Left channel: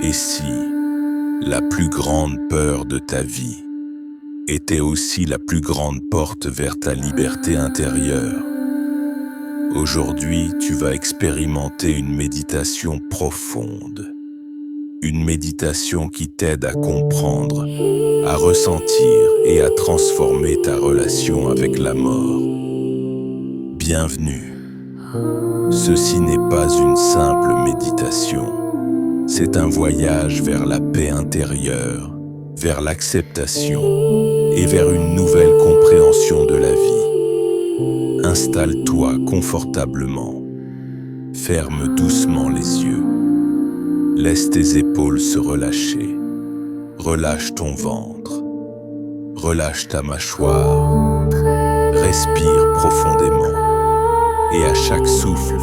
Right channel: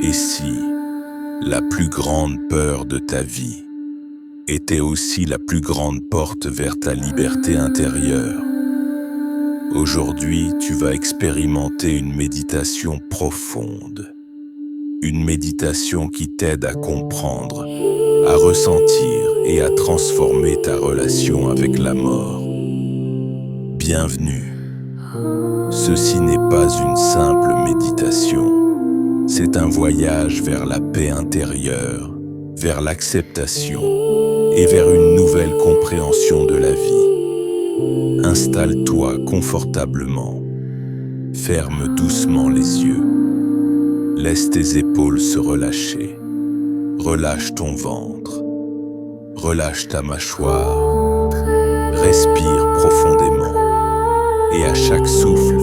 Et si la plus grande peur de ta vie était aussi la plus grande porte vers ta liberté intérieure? Aujourd'hui, tu vas expérimenter une méditation profonde. Une méditation qui t'aide à comprendre, à ressentir et à transformer ta relation avec la mort. Bienvenue. Ceci n'est pas une simple méditation. C'est un voyage vers la paix intérieure, vers l'acceptation et vers une nouvelle compréhension de la vie. Installe-toi confortablement. Ferme doucement les yeux. Laisse tes épaules se relâcher. Relâche ton ventre. Relâche ta mâchoire. Respire profondément. Et à chaque souffle,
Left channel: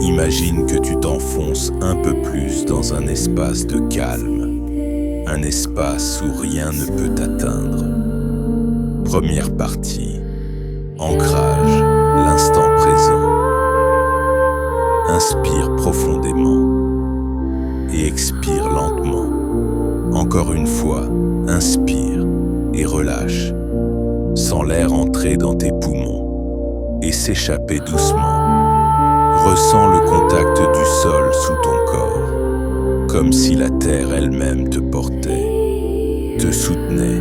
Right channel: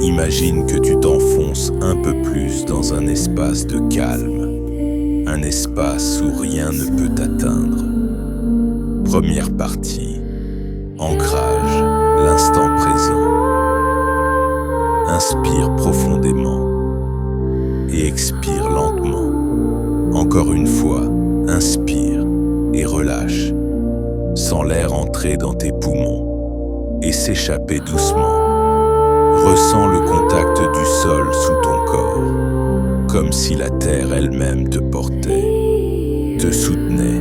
imagine que tu t'enfonces un peu plus dans un espace de calme. Un espace où rien ne peut t'atteindre. Première partie. Ancrage, l'instant présent. Inspire profondément et expire lentement. Encore une fois, inspire et relâche. Sens l'air entrer dans tes poumons et s'échapper doucement. Ressens le contact du sol sous ton corps, comme si la terre elle-même te portait, te soutenait.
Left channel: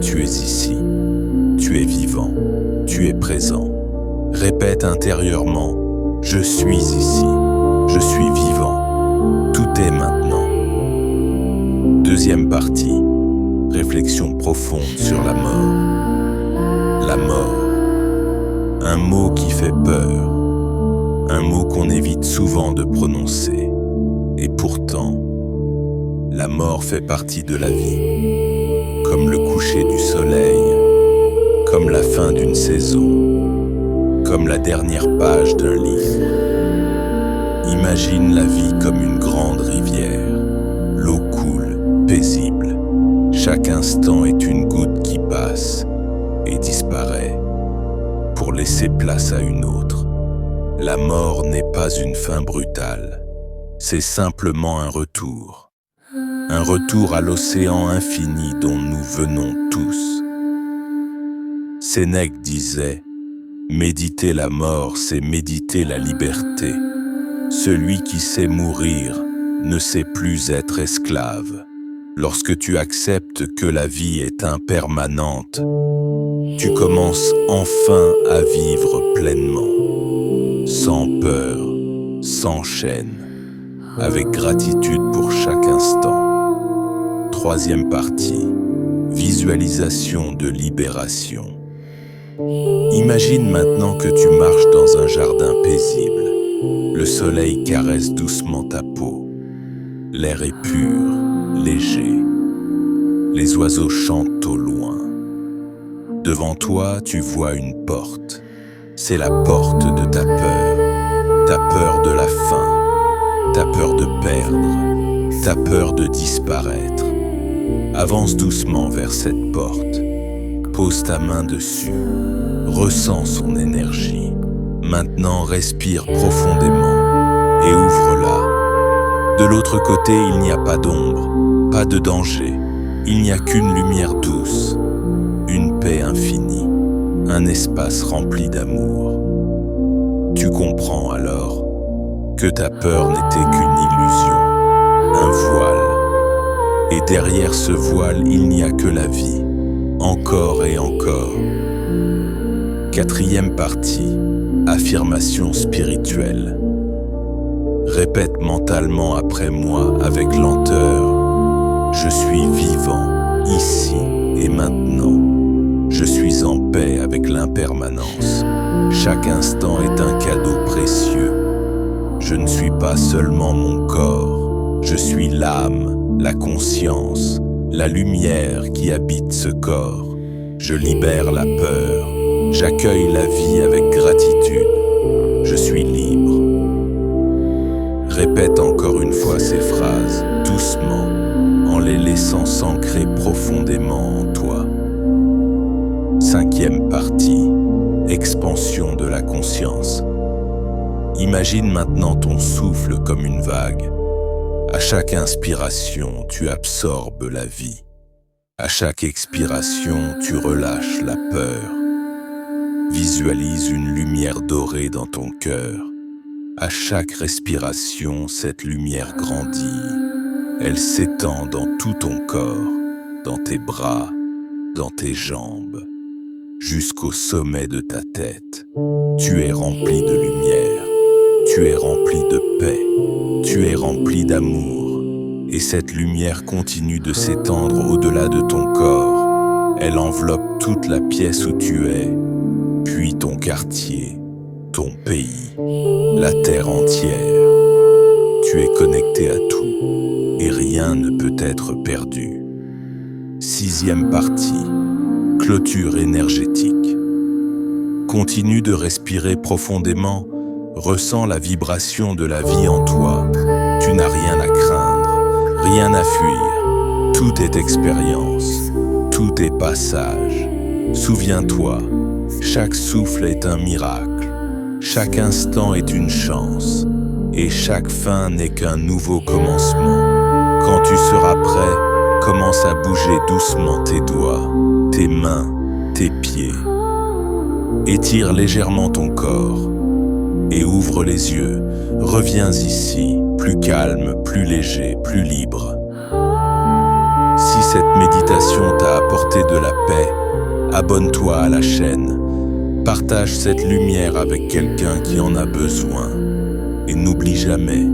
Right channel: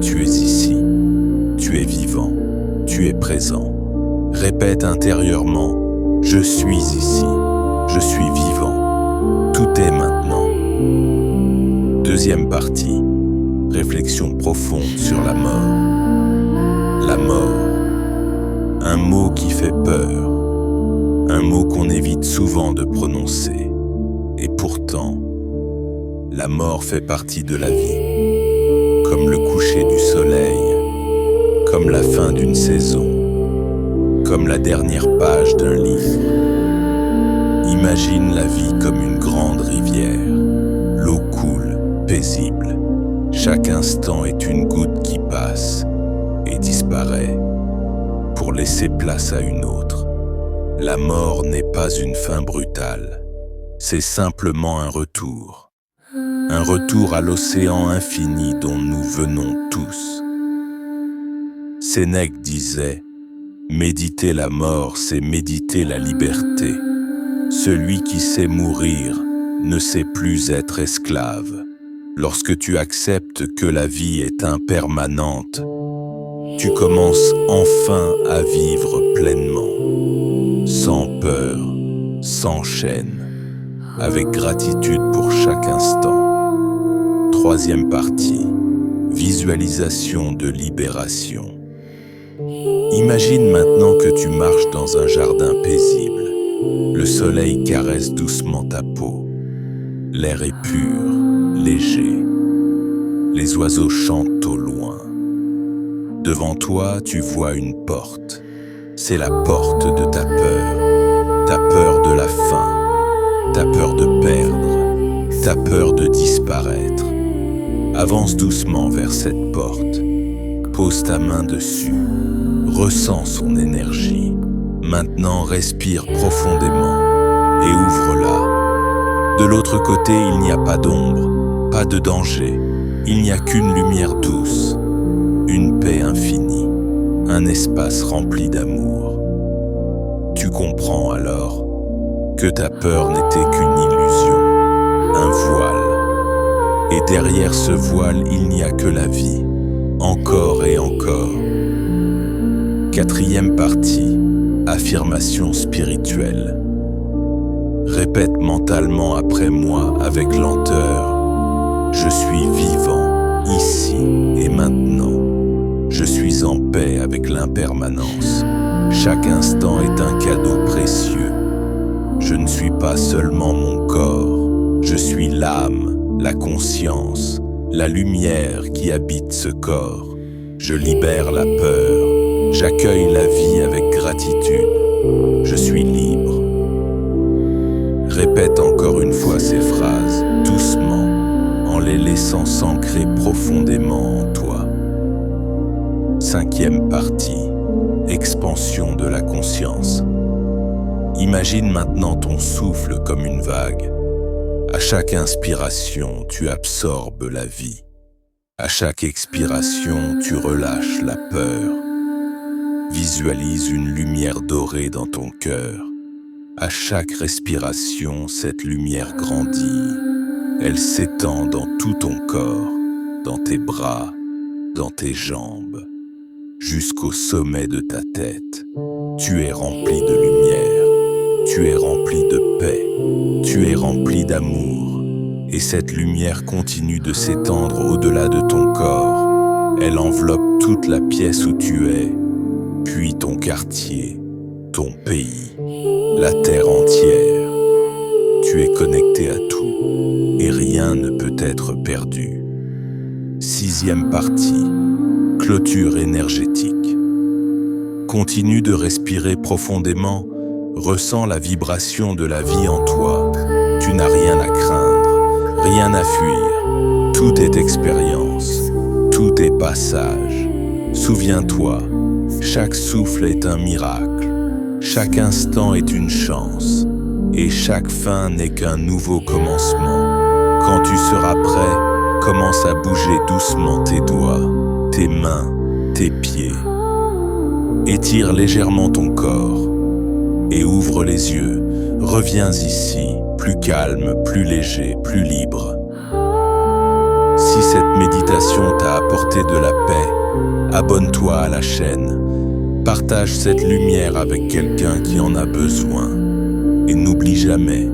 Tu es ici, tu es vivant, tu es présent. Répète intérieurement, je suis ici, je suis vivant, tout est maintenant. Deuxième partie, réflexion profonde sur la mort. La mort, un mot qui fait peur, un mot qu'on évite souvent de prononcer. Et pourtant, la mort fait partie de la vie, comme le coucher du soleil, comme la fin d'une saison, comme la dernière page d'un livre. Imagine la vie comme une grande rivière. L'eau coule, paisible. Chaque instant est une goutte qui passe et disparaît pour laisser place à une autre. La mort n'est pas une fin brutale, c'est simplement un retour à l'océan infini dont nous venons tous. Sénèque disait, méditer la mort, c'est méditer la liberté. Celui qui sait mourir ne sait plus être esclave. Lorsque tu acceptes que la vie est impermanente, tu commences enfin à vivre pleinement, sans peur, sans chaîne, avec gratitude pour chaque instant. Troisième partie, visualisation de libération. Imagine maintenant que tu marches dans un jardin paisible. Le soleil caresse doucement ta peau. L'air est pur, léger. Les oiseaux chantent au loin. Devant toi, tu vois une porte. C'est la porte de ta peur de la faim, ta peur de perdre, ta peur de disparaître. Avance doucement vers cette porte. Pose ta main dessus. Ressens son énergie. Maintenant, respire profondément et ouvre-la. De l'autre côté, il n'y a pas d'ombre, pas de danger. Il n'y a qu'une lumière douce, une paix infinie, un espace rempli d'amour. Tu comprends alors que ta peur n'était qu'une illusion, un voile. Et derrière ce voile, il n'y a que la vie, encore et encore. Quatrième partie, affirmation spirituelle. Répète mentalement après moi avec lenteur. Je suis vivant, ici et maintenant. Je suis en paix avec l'impermanence. Chaque instant est un cadeau précieux. Je ne suis pas seulement mon corps. Je suis l'âme, la conscience, la lumière qui habite ce corps. Je libère la peur. J'accueille la vie avec gratitude. Je suis libre. Répète encore une fois ces phrases, doucement, en les laissant s'ancrer profondément en toi. Cinquième partie, expansion de la conscience. Imagine maintenant ton souffle comme une vague. À chaque inspiration, tu absorbes la vie. À chaque expiration, tu relâches la peur. Visualise une lumière dorée dans ton cœur. À chaque respiration, cette lumière grandit. Elle s'étend dans tout ton corps, dans tes bras, dans tes jambes, jusqu'au sommet de ta tête. Tu es rempli de lumière, tu es rempli de paix, tu es rempli d'amour. Et cette lumière continue de s'étendre au-delà de ton corps. Elle enveloppe toute la pièce où tu es, puis ton quartier, ton pays, la terre entière. Tu es connecté à tout, et rien ne peut être perdu. 6e partie, clôture énergétique. Continue de respirer profondément, ressens la vibration de la vie en toi. Tu n'as rien à craindre, rien à fuir. Tout est expérience, tout est passage. Souviens-toi, chaque souffle est un miracle, chaque instant est une chance, et chaque fin n'est qu'un nouveau commencement. Quand tu seras prêt, commence à bouger doucement tes doigts, tes mains, tes pieds. Étire légèrement ton corps et ouvre les yeux. Reviens ici, plus calme, plus léger, plus libre. Si cette méditation t'a apporté de la paix, abonne-toi à la chaîne. Partage cette lumière avec quelqu'un qui en a besoin. Et n'oublie jamais,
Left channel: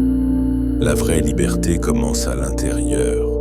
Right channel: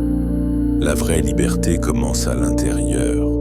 la vraie liberté commence à l'intérieur.